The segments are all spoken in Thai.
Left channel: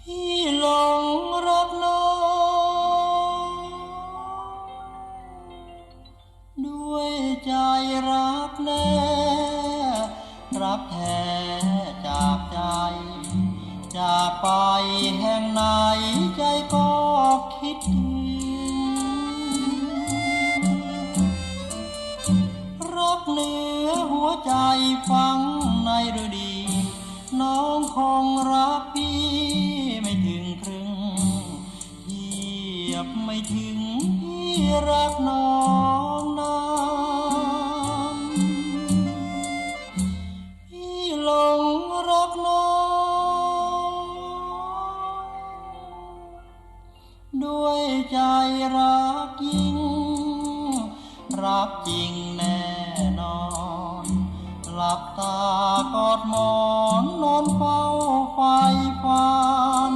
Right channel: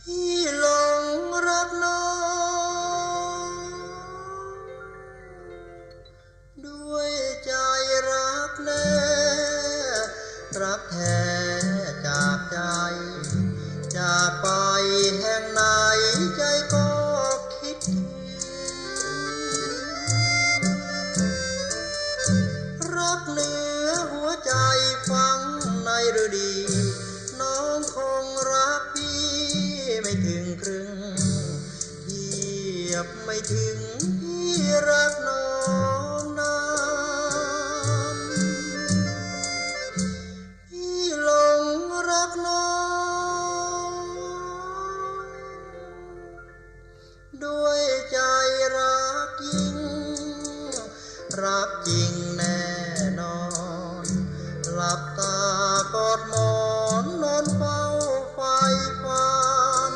พี่หลงรักน้อง ด้วยใจรักแน่รักแท้จากใจจากไป ใจฟังในฤดี น้องคงรักพี่ไม่ถึงครึ่งเหยียบไม่ถึงพี่รักน้องนานพี่หลงรักน้อง ด้วยใจรักยิ่ง รักจริงแน่ ลับตากอดหมอนนอนเฝ้าไฟฝัน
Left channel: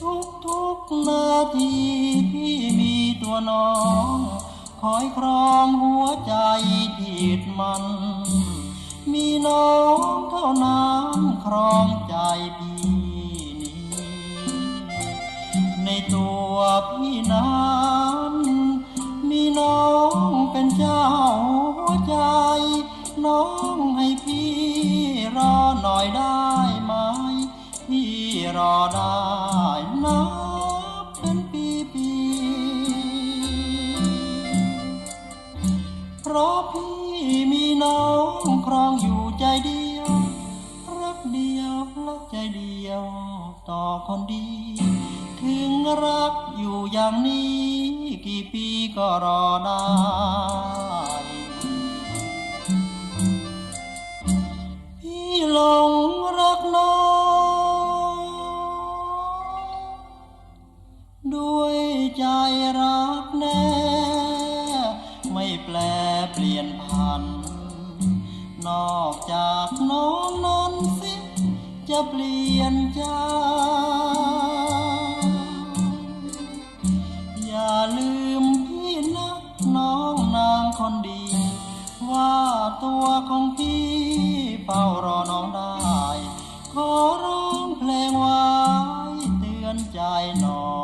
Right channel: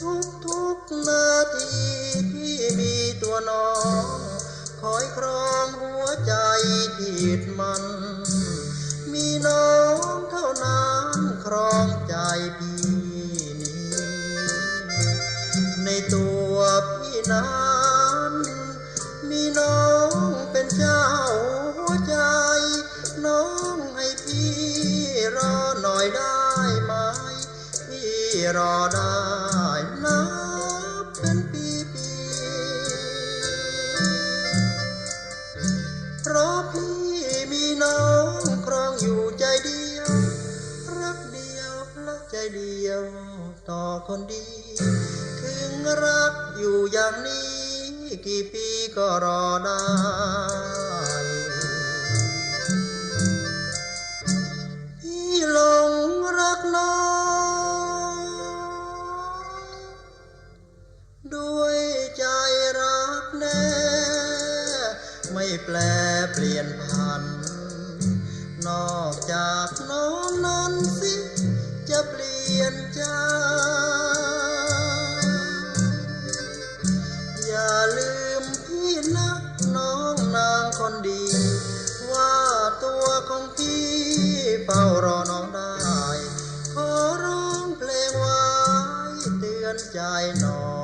ทุกทุกนาทีพี่มีตัวน้อง คอยครองหัวใจที่ดมัน มีน้องเท่านั้นครองใจพี่นี้ ในตัวพี่นั้นมีน้อง เป็นเจ้าหัวใจ น้องให้พี่รอหน่อยได้ไหม พี่รอได้นับเป็นปีปีๆเพราะพี่มีน้องครองอยู่ใจเดียว รักเดียวรักใจเดียว ต่อคนดี ถึงรักอยู่อย่างนี้ กี่ปีก็รอได้ พี่หลงรักน้อง ด้วยใจรักแน่ ไม่แปลเปลี่ยนพัน นอกจากน้องนั้นสิ จะเปลี่ยนใจ ลืมพี่นะน้องนางคนดี ว่าตัวของพี่เฝ้ารอน้องได้ ขอร้องเพลงไว้เตือนใจน้อง